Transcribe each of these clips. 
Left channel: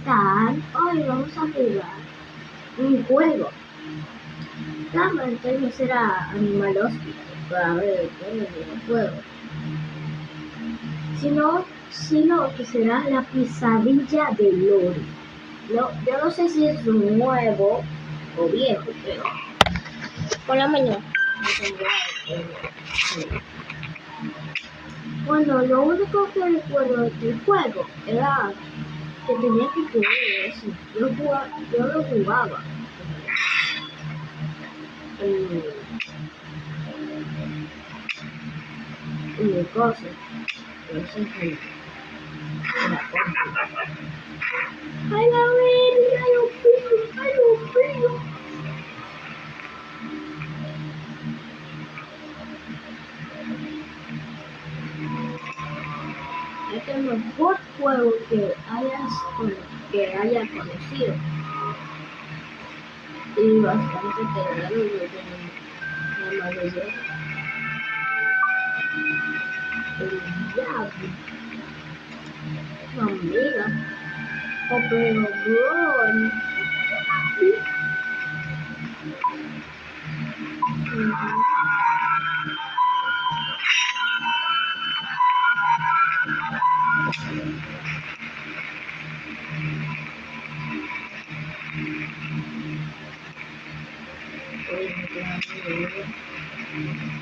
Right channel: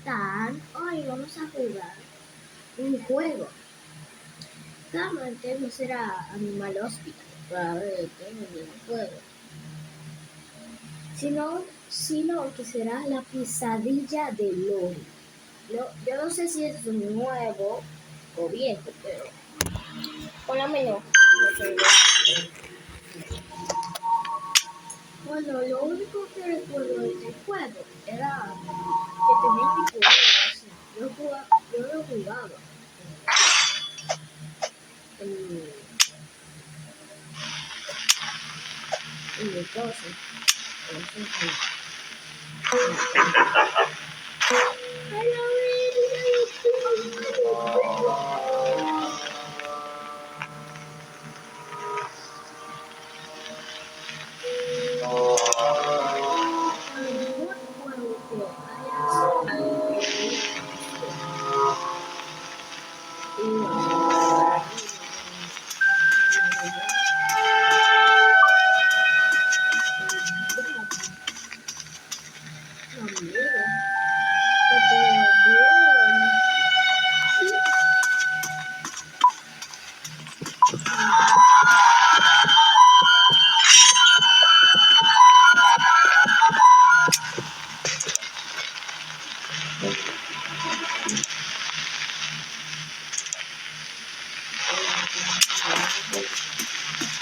están? Hoy vamos a jugar un juego. Claramente no será Animal Hospital para ver el juego, sino que será la pesadilla de Lori. No, yo no sé si es nuevo o viejo, pero por la mañana. Bueno, lo único que recuerdo del juego era que tenía que jugar eso. Yo lo jugaba. Y mi cosa. ¡Ay, a ver! Es el mejor juego que haya conocido. Y bastante amiga.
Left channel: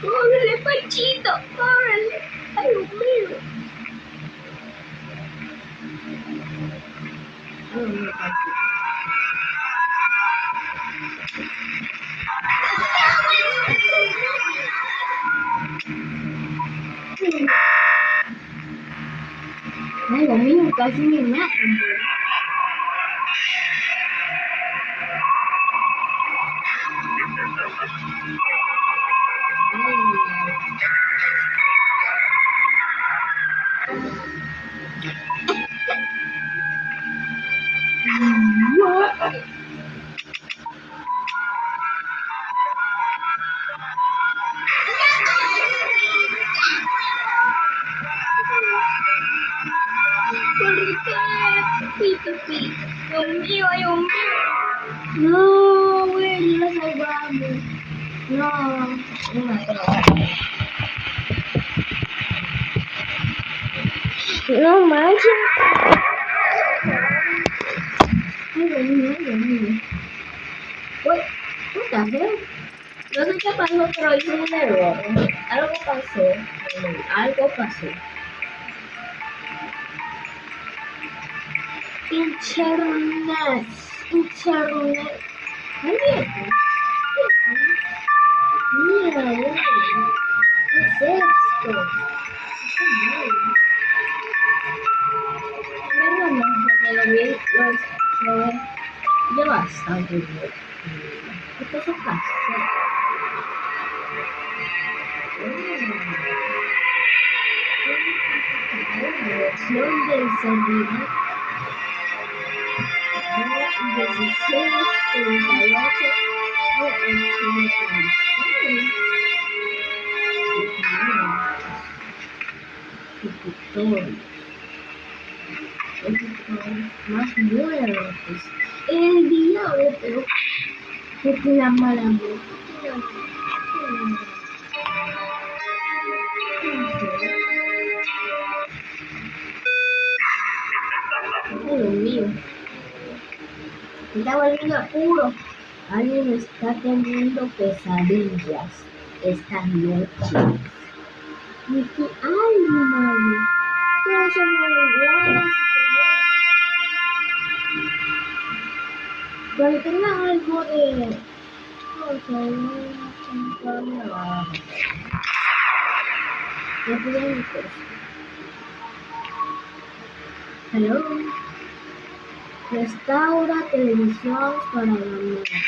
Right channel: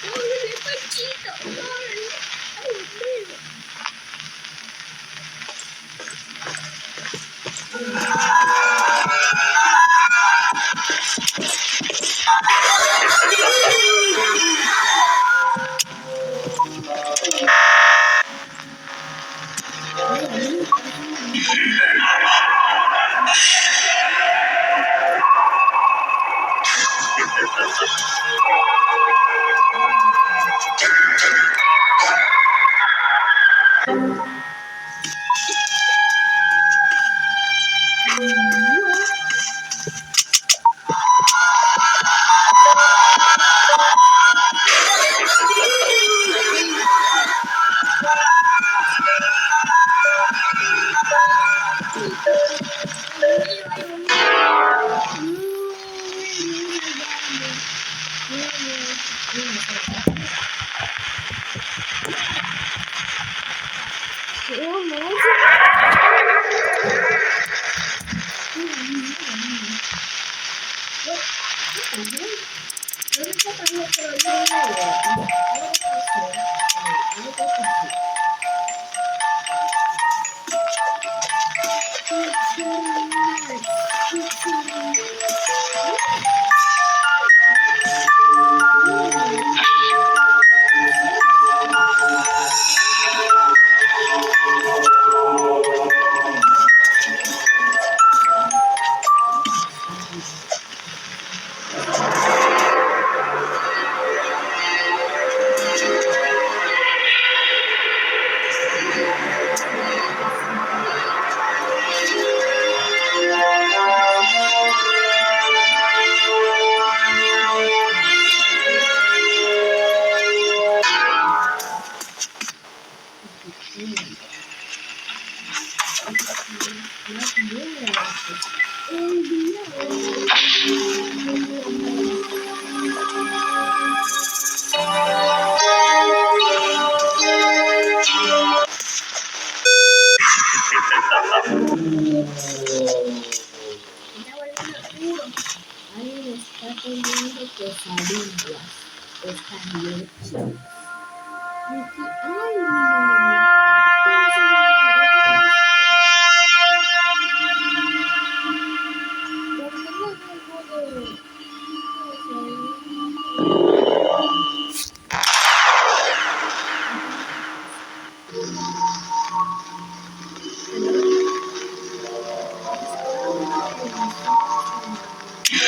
¡Córrele, Pachito! ¡Córrele! ¡Ay, Dios mío! Ay, Dios mío, casi me mata. Dios mío, Dios mío. No, güey, no salvarme. No, no me salvarme. No manches. Ay, Dios mío, Dios mío. ¿Qué pasó? No sé qué pasó, pero hice un error. Algo pasó. Algo pasó. Internet. Mira, mira. ¿Qué es esto? Ya bastante. Más nuevas. El día de la maravilla. Me está volviendo apuro. Alguien está teniendo pesadillas esta noche. Ay, ¿cómo se me pero tenga algo de hello, restaura televisión para la noche.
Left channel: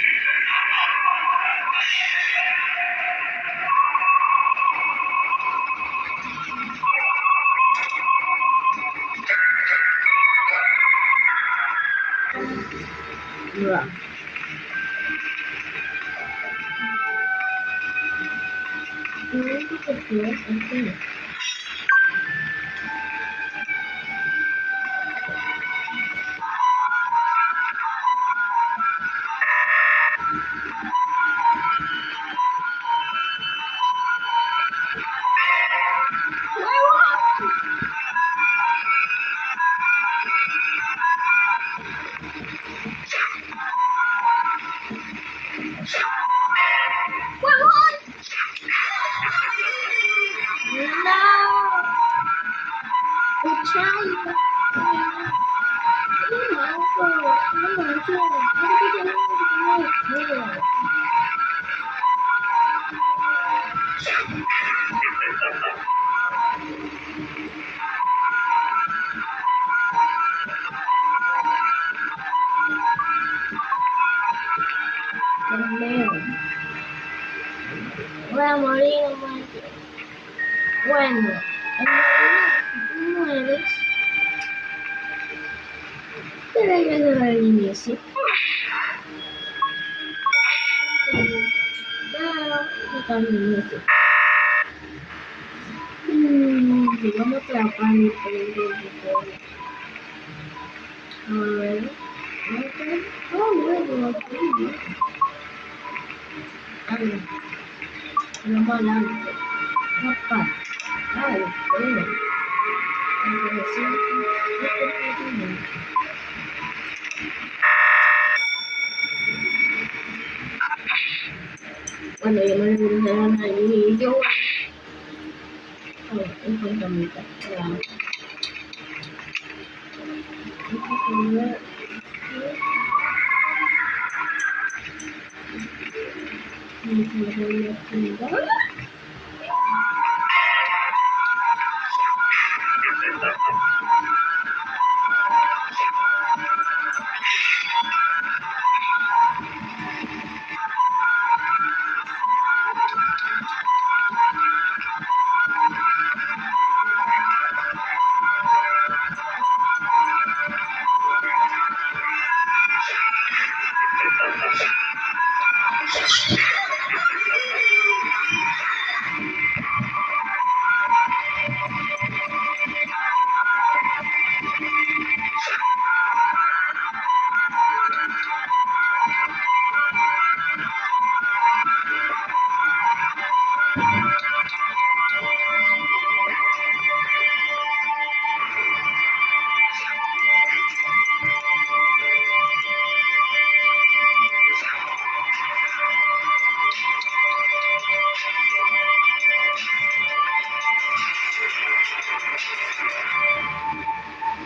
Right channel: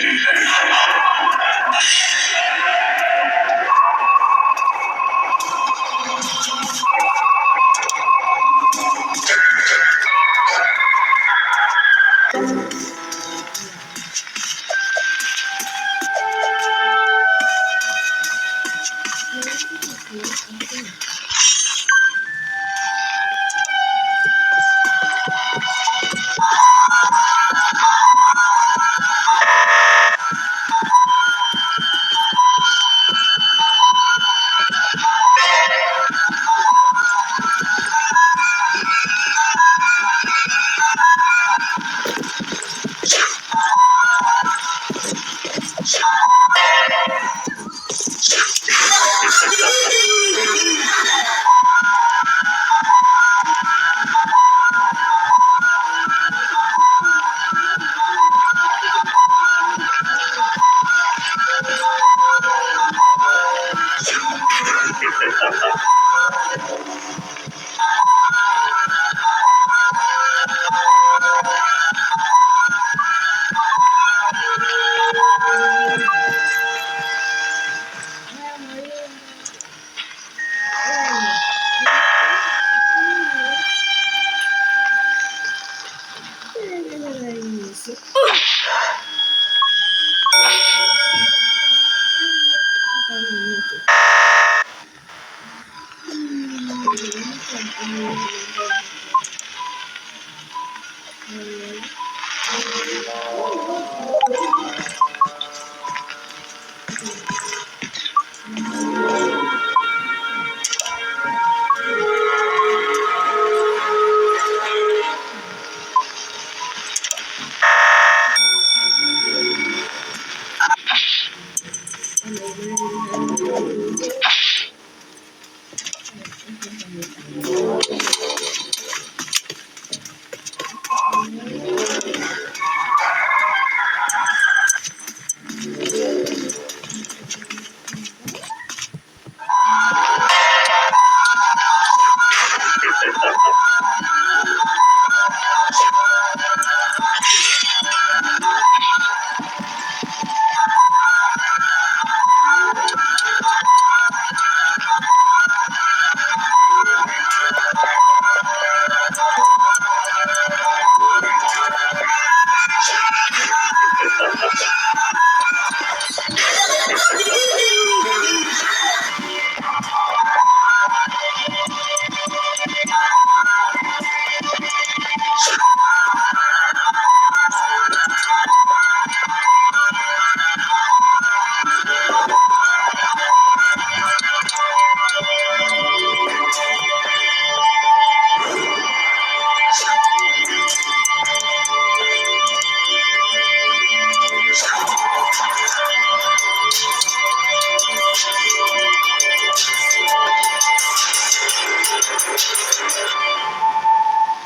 Iniisip. Paano iniisip? Gamot lang paano ito. Ano yung nalilito? Ito yung gamitan.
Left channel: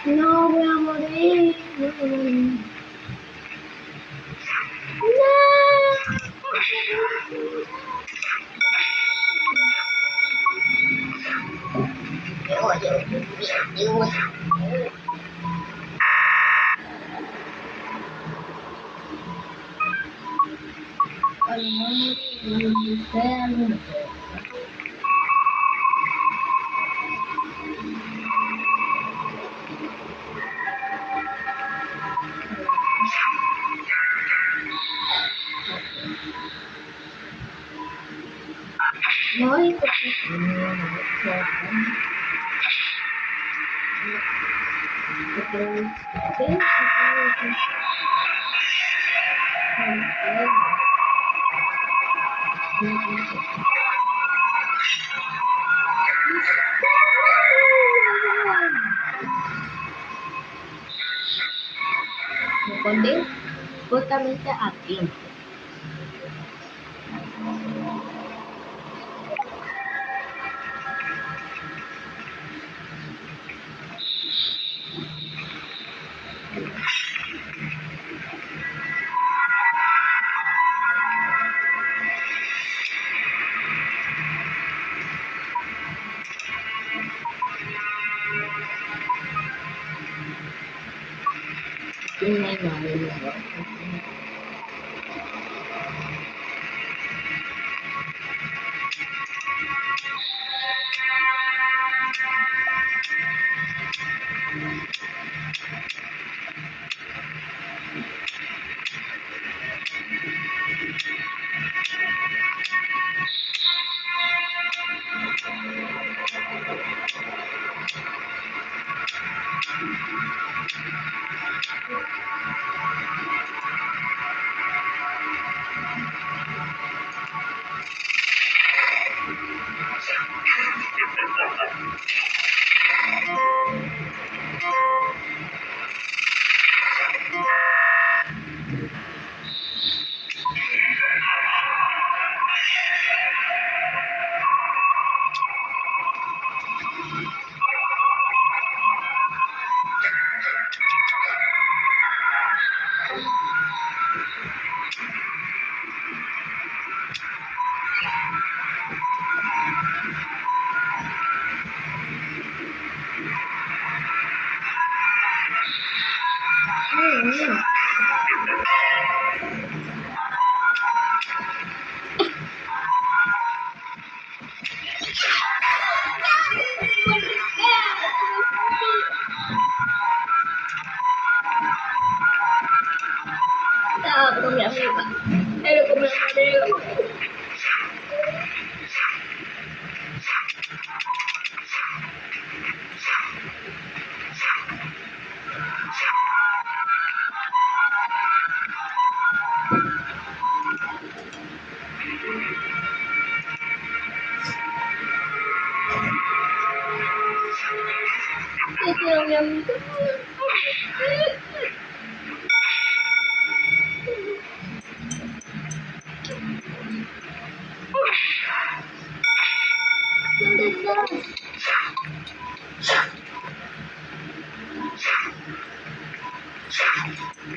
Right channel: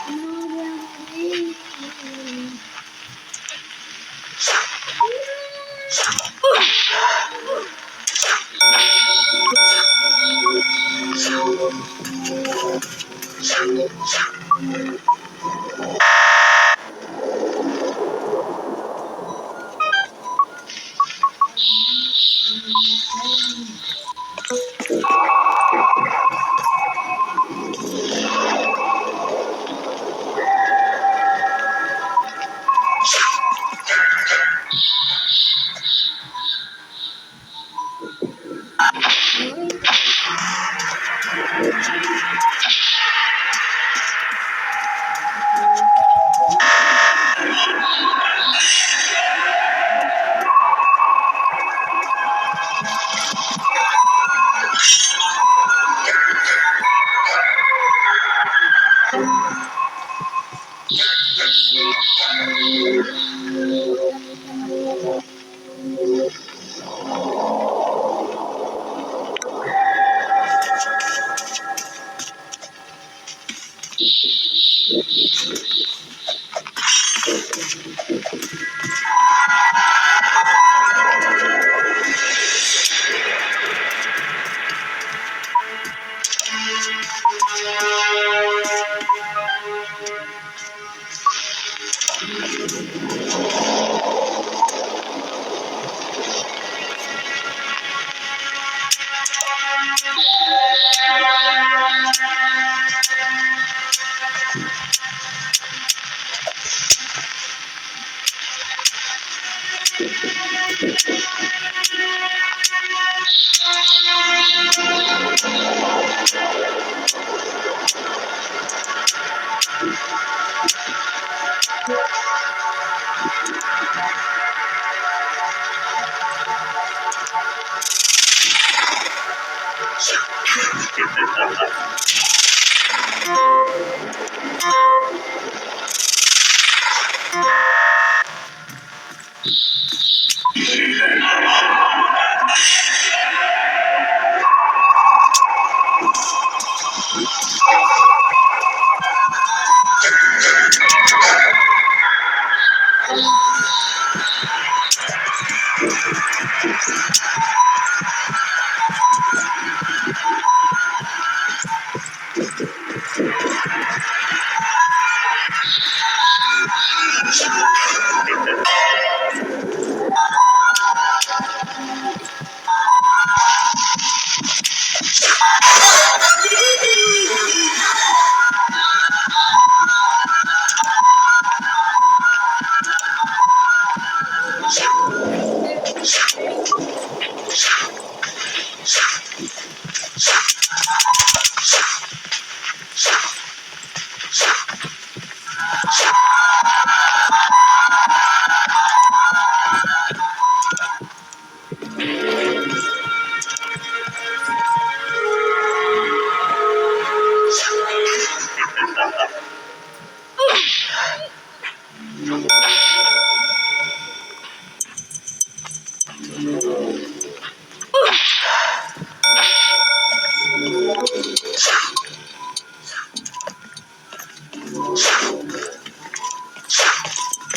No, voy a morir. Ay, kundi utang sa akin.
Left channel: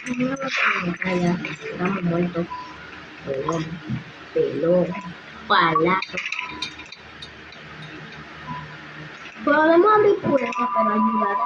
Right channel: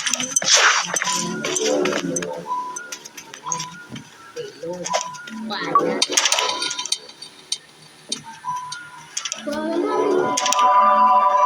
Kaya, ano ito? Tulog. Pelo. Pala. Probablemente me encuentro con ayuda